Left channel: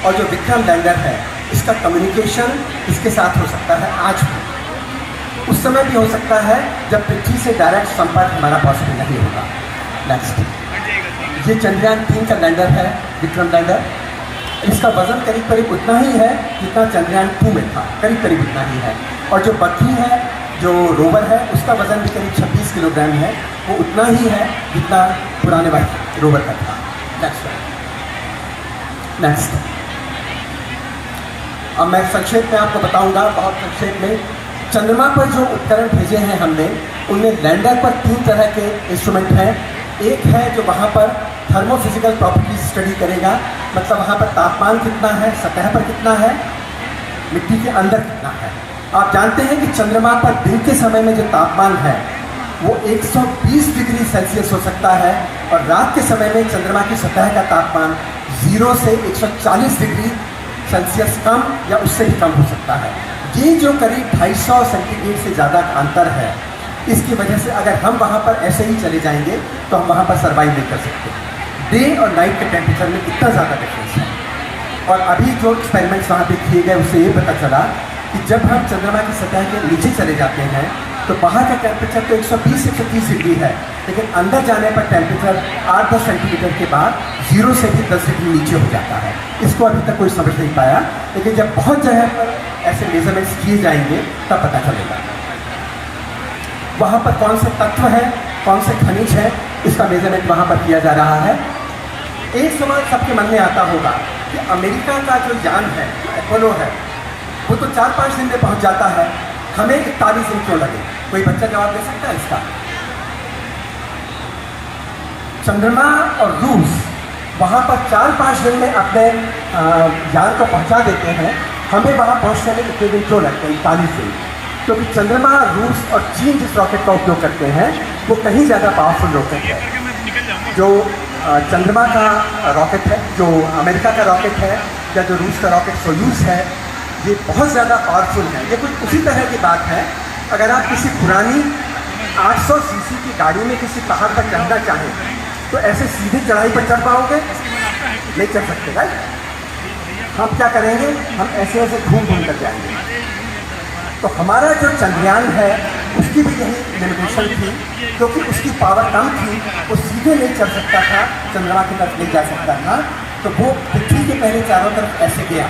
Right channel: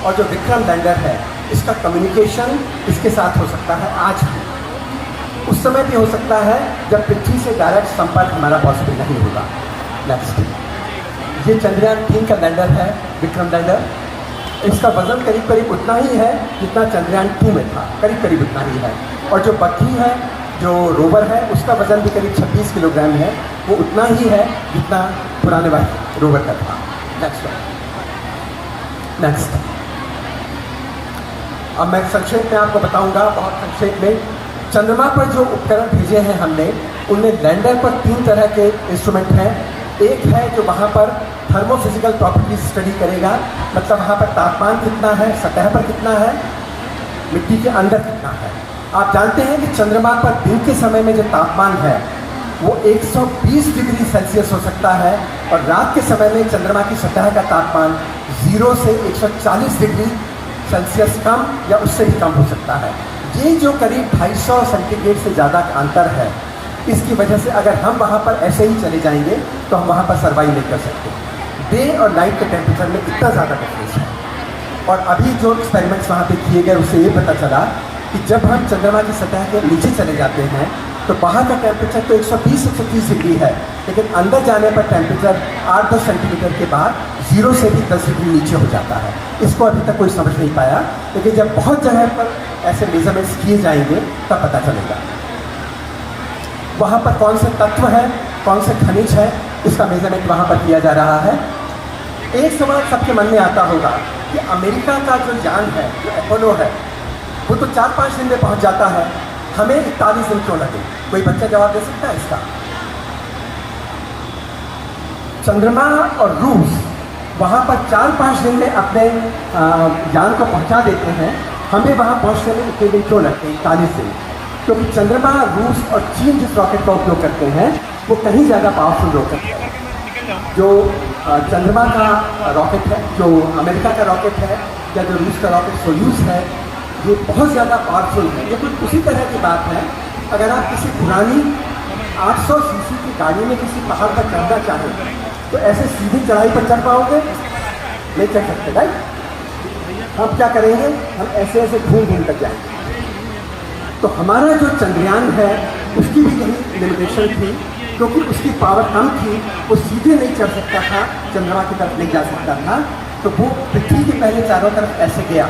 और जो विक्रम लैंडर है इसका कम्युनिकेशन इसके साथ हो सकता है आज भी, उस समय भी हो सकता है जब पृथ्वी से डायरेक्ट संपर्क हमारा पॉसिबल नहीं होगा। नेक्स्ट, ये चंद्रयान 3 का लैंडर है, विक्रम लैंडर। इसका वजन करीब करीब उतना ही है जितना चंद्रयान 2 में था, करीब करीब उतना ही है। और जो बद्री है, जो रोवर है, उसका वजन भी करीब 26 किलोग्राम है, वो उतना ही है जितना पुराने वाले रोवर का था। नेक्स्ट, अब मैं संक्षेप में आपको बताऊंगा, बहुत संक्षेप में। चंद्रमा पर जो उपकरण भेजे हैं हमने, उनमें लैंडर पर 3 तरह के इंस्ट्रूमेंट हैं। एक है जो वहाँ पर थर्मोफिजिकल प्रॉपर्टीज स्टडी करेगा, मतलब वहाँ पर तापमान कितना है, सतह पर कितना है, मिट्टी के अंदर कितना है। आप जानते हैं कि चंद्रमा पर दिन के समय में जो तापमान है वो 120 डिग्री सेल्सियस हो सकता है, और रात के समय में चंद्रमा की सतह का तापमान 0 से 140 डिग्री सेल्सियस कम या उससे भी कम हो सकता है। ये जो करीब 250 सेंटीग्रेड से ज़्यादा का अंतर है, इसकी वजह से अगर हम वहाँ पर ऐसे ही चले जाएंगे तो हम वहाँ पर सर्वाइव नहीं कर सकते। डे और नाइट के टेम्परेचर में इतना ज़्यादा डिफरेंस है। और अभी जो एक्सपेरिमेंट्स वहाँ पे किए गए उससे ये पता चला कि जब हम चंद्रमा की सतह के नीचे चले जाते हैं तो बाहर का टेम्परेचर तो 120-130 डिग्री है, लेकिन अंदर जाने पर टेम्परेचर 8-10 सेंटीमीटर के बाद 0 से भी 10 डिग्री नीचे हो जाता है। इसको अभी तक कोई समझ नहीं पाया, लेकिन जब बहुत जगह पर ऐसे मेजरमेंट्स किए जाएंगे तब पता चलेगा। वहाँ पर कौन से तत्व हैं, कौन से खनिज हैं, इसका मेजरमेंट वहाँ पर किया जा रहा है। एक सवाल सबके मन में आता होगा कि अमेरिका का जो यान है, जो अपोलो है, वो तो 4-5 दिन में पहुँच जाता है, हमें 41 दिन क्यों लगे? कोई बच्चा जवाब दे सकता है इसका? चंद्रमा और रूस वहाँ पर 4-5 दिन में अपने यान को पहुँचा देते हैं, हमें वहाँ पहुँचने में इतने दिन क्यों लगते हैं, 41 दिन? क्योंकि चंद्रमा, रूस और चीन जिस रॉकेट का उपयोग करते हैं वो कहीं ज़्यादा पावरफुल रॉकेट है। जो चंद्रमा का रॉकेट है, जो अमेरिका का रॉकेट है, या जो रूस का रॉकेट सोयूज है, ये बहुत ज़्यादा पावरफुल है। ये कुछ उसी तरह की बात है, अगर आप किसी पुरानी 800 सीसी की गाड़ी में किसी पहाड़ पर चढ़ना चाहें तो ऐसे सीधी चढ़ाई पर चढ़ पाओगे? नहीं चढ़ सकते। राइट? हम क्या करेंगे? हम ऐसे ऐसे घूम घूम कर जाएंगे। तो हमारा जो चंद्रयान है उसकी भी यही लिमिटेशन थी, क्योंकि उसकी पावर कम थी, वो सीधे नहीं चढ़ सकता था, चंद्रमा की तरफ नहीं जा सकता था, तो वो पृथ्वी के पहले चारों तरफ ऐसे गया।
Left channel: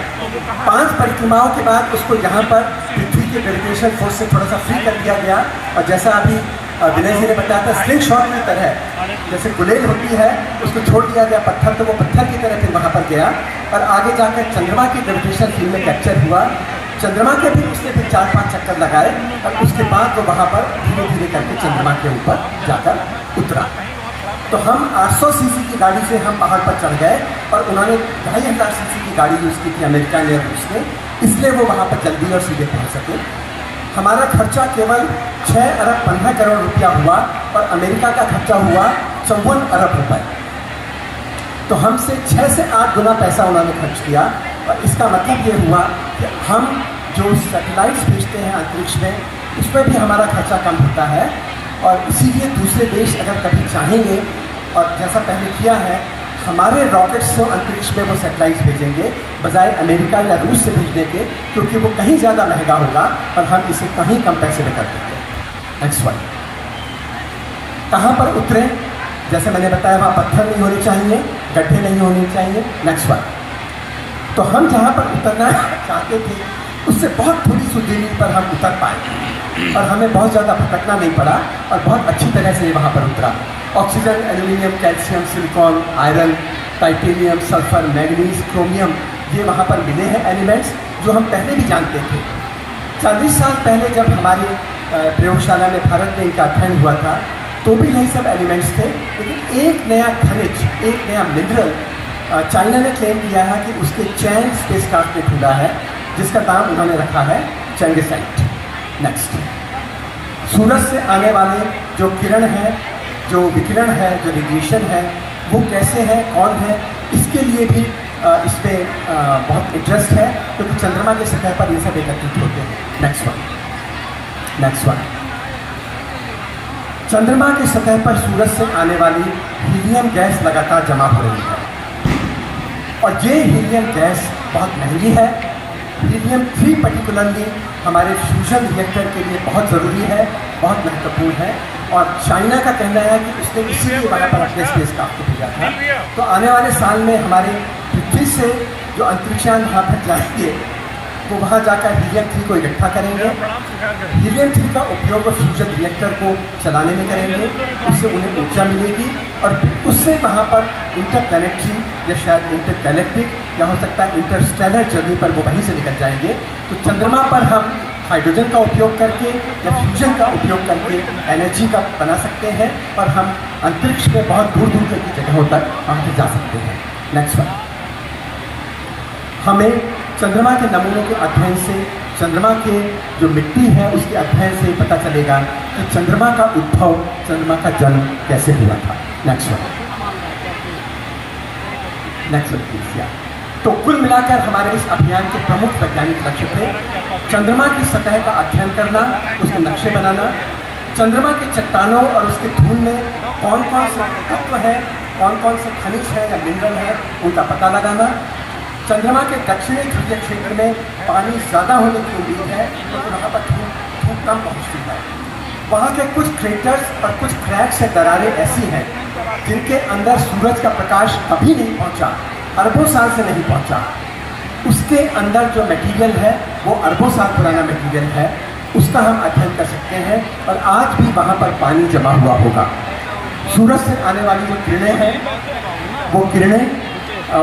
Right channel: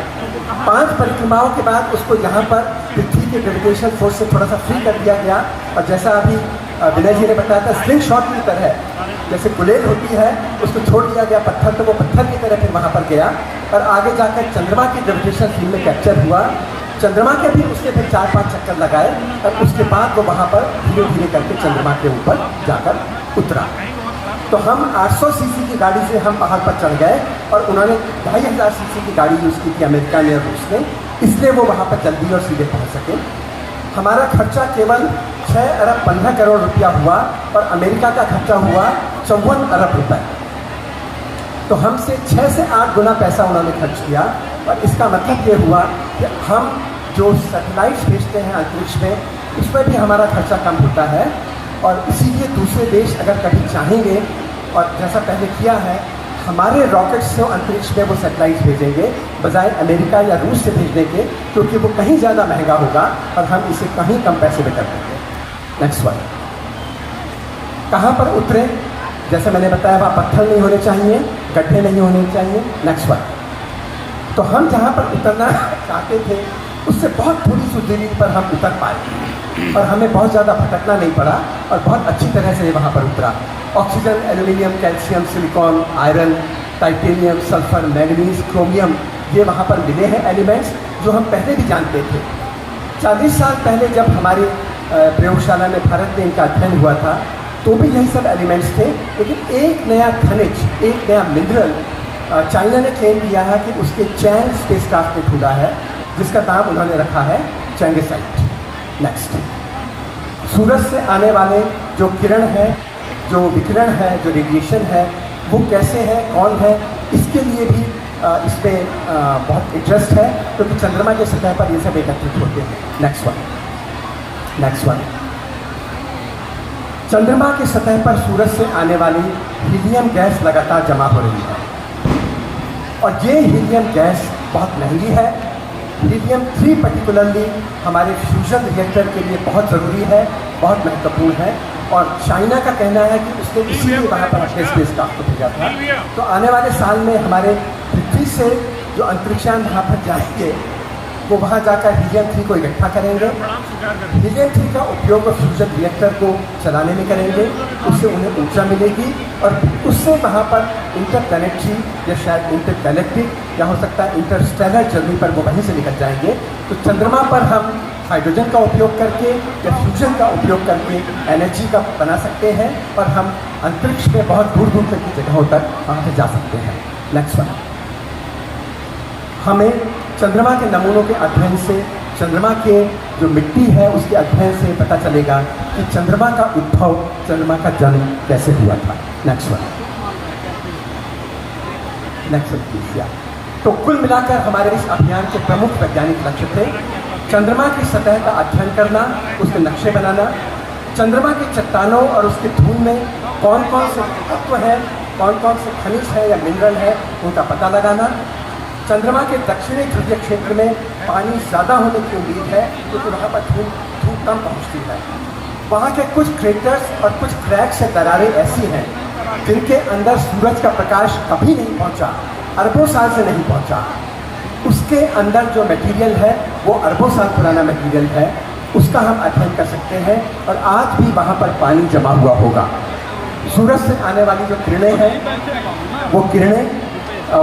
5 परिक्रमाओं के बाद उसको यहाँ पर पृथ्वी के ग्रेविटेशन फोर्स से थोड़ा सा फ्री कर दिया गया, और जैसा अभी विनय जी ने बताया था, स्लिंग शॉट की तरह जैसे गुलेल होती है उसको छोड़ दिया गया पत्थर, तो वो पत्थर की तरह फिर वहाँ पर गया और आगे जाकर चंद्रमा की ग्रेविटेशन फील्ड में कैप्चर हुआ। चंद्रमा के भी उसने फिर 4-5 चक्कर लगाए और उसके बाद वो वहाँ पर धीरे धीरे करके चंद्रमा के ऊपर जाकर उतरा। तो हम 800 सीसी की गाड़ी से हम पहाड़ पर चढ़ गए, और उन्होंने 2500 सीसी की गाड़ी यूज़ की थी अमेरिका ने और रूस ने, इसलिए वो वहाँ पर जल्दी और सीधे पहुँच सके। हमारा खर्चा केवल 6 अरब 15 करोड़ रुपया हुआ, और अमेरिका का खर्चा हुआ 54 अरब रुपये। तो हमसे 6 से 8 गुना पैसा उन्होंने खर्च किया, और इसका मतलब ये हुआ कि हम जो सैटेलाइट्स भेजते हैं अंतरिक्ष में, उसमें भी हमारा खर्चा कम होता है। और इसीलिए दूसरे देश अगर कभी चाहेंगे, और जैसा पहले किया है, हमारे रॉकेट से अंतरिक्ष में वो सैटेलाइट्स भेजेंगे बजाय अमेरिका या रूस से भेजने के, क्योंकि वो कहीं ज़्यादा महंगा होगा और हम इसे कहीं कम पैसे में कर देंगे। नेक्स्ट वन, कहाँ पर उतरे? जैसे मैंने बताया, वहाँ पत्थर नहीं होने चाहिए, गड्ढे नहीं होने चाहिए। नेक्स्ट वन, तो हम जहाँ पर उतरना चाहते थे उससे बहुत थोड़ी सी दूरी पर हम उतर पाए, और हमें बहुत ज़्यादा भटकना नहीं पड़ा, और बहुत अच्छी तरह से वहाँ पर उतरा। Oxygen, aluminium, calcium, silicon, iron, titanium, sulphur, manganese, chromium, ये वहाँ पर मिले हैं एलिमेंट्स जो हम पहले भी जानते थे। 40 साल पहले जब हमारी प्रयोगशाला में भारत में इनका अध्ययन हुआ था तो भी यही सब एलिमेंट्स थे, लेकिन एक नया खनिज, एक नया मिनरल चाइना ने क्लेम किया है कि उसके चैंग स्पेसक्राफ्ट में ढूंढा है, जिसका नाम उन्होंने रखा है चैंगेसाइट। नेक्स्ट, सूरज से आने वाले जो किरण है, जो विकिरण है, जो रेडिएशन है, वो कैसे है, कौन है, इसके लिए भी इस पर बहुत इंटरेस्ट है, क्योंकि चंद्रमा के सतह पर ये सब एकत्रित होते हैं। नेक्स्ट वन, चंद्रमा के सतह पर सूरज से आने वाली हीलियम गैस लगातार जमा हो रही है, और ये हीलियम गैस बहुत महंगी है। हीलियम-3 पर्टिकुलरली हमारे फ्यूजन रिएक्टर के लिए बहुत ज़रूरी है, बहुत महत्वपूर्ण है। और चाइना का कहना है कि उसने इसीलिए वहाँ पर अपने स्पेस क्राफ्ट को भेजा था। तो आने वाले साल में हमारे पृथ्वी से जो अंतरिक्षयान वहाँ पर जाएंगे वो वहाँ जाकर हीलियम-3 को इकट्ठा करेंगे। हीलियम-3 का उपयोग वो फ्यूजन रिएक्टर को चलाने में करेंगे, उससे उन्हें ऊर्जा मिलेगी और उससे वहाँ पर इंटरप्लैनेटरी या शायद इंटरगैलेक्टिक या हो सकता है इंटरस्टेलर जर्नी पर वो वहीं से निकल जाएंगे। तो चंद्रमा पर हम हाइड्रोजन का उपयोग करके या फ्यूजन का उपयोग करके एनर्जी का बना सकते हैं और हम अंतरिक्ष में बहुत दूर दूर तक की जगहों तक वहाँ पर जा सकते हैं। नेक्स्ट वन, हमें चंद्रमा के नमूनों के अध्ययन से, चंद्रमा के जो मिट्टी है उसके अध्ययन से पता चलेगा कि चंद्रमा का उद्भव, चंद्रमा का जन्म कैसे हुआ था। Next one please. तो कुल मिलाकर हमारे इस अभियान के प्रमुख वैज्ञानिक लक्ष्य थे चंद्रमा की सतह का अध्ययन करना, उसके नक्शे बनाना, चंद्रमा की चट्टानों और उसके धूल में कौन कौन से तत्व हैं, कौन कौन से खनिज है या मिनरल है उनका पता लगाना, चंद्रमा के दक्षिणी ध्रुवीय क्षेत्र में पानी ज़्यादा होने की उम्मीद है क्योंकि वहाँ पर धूल कम पहुँचती है। वहाँ के कुछ क्रेटर्स और कुछ क्रैक्स से दरारें ऐसी हैं जिनके अंदर सूरज का प्रकाश कभी नहीं पहुँचा, अरबों साल से नहीं पहुँचा। उसके अंदर जो मटेरियल है वो अरबों साल पुराना मटेरियल है, उसका हम अध्ययन कर सकते हैं और आज भी वहाँ पर पानी जमा हुआ होगा। सूरज से आने वाली जो किरणें हैं वो किरणें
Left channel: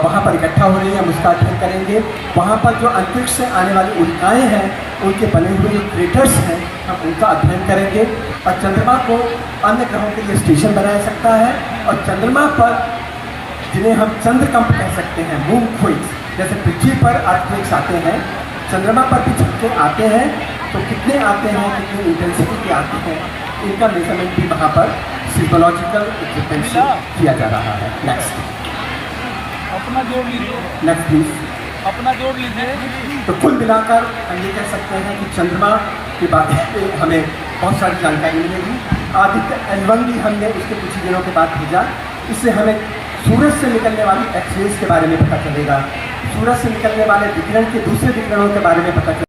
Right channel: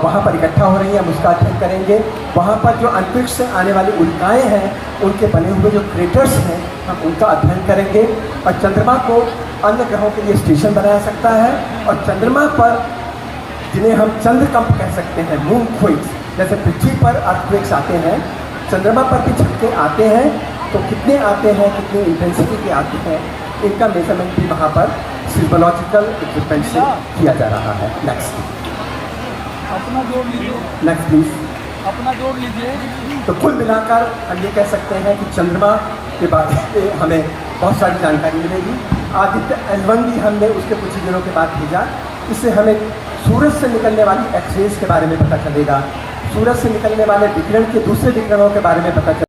वहाँ पर इकट्ठा हो रही है, हम उसका अध्ययन करेंगे। वहाँ पर जो अंतरिक्ष से आने वाली उल्काएँ हैं उनके बने हुए जो क्रेटर्स हैं हम उनका अध्ययन करेंगे और चंद्रमा को अन्य ग्रहों के लिए स्टेशन बनाया सकता है। और चंद्रमा पर जिन्हें हम चंद्रकंप कह सकते हैं, मून क्विक्स, जैसे पृथ्वी पर अर्थक्वेक्स आते हैं, चंद्रमा पर भी झटके आते हैं, तो कितने आते हैं, कितनी इंटेंसिटी के आते हैं, इनका मेजरमेंट भी वहाँ पर सिस्मोलॉजिकल इक्विपमेंट से किया जा रहा है। नेक्स्ट अपना जोड़ लीजिए। Next please. अपना जोड़ लीजिए। तो कुल मिलाकर हम ये कह सकते हैं कि चंद्रमा के बारे में हमें बहुत सारी जानकारी मिलेगी। आदित्य L1 भी हमने उसके कुछ ही दिनों के बाद भेजा, इससे हमें सूरज से निकलने वाली एक्सरेज के बारे में पता चलेगा, सूरज से निकलने वाले विकिरण के दूसरे विकिरणों के बारे में पता चलेगा।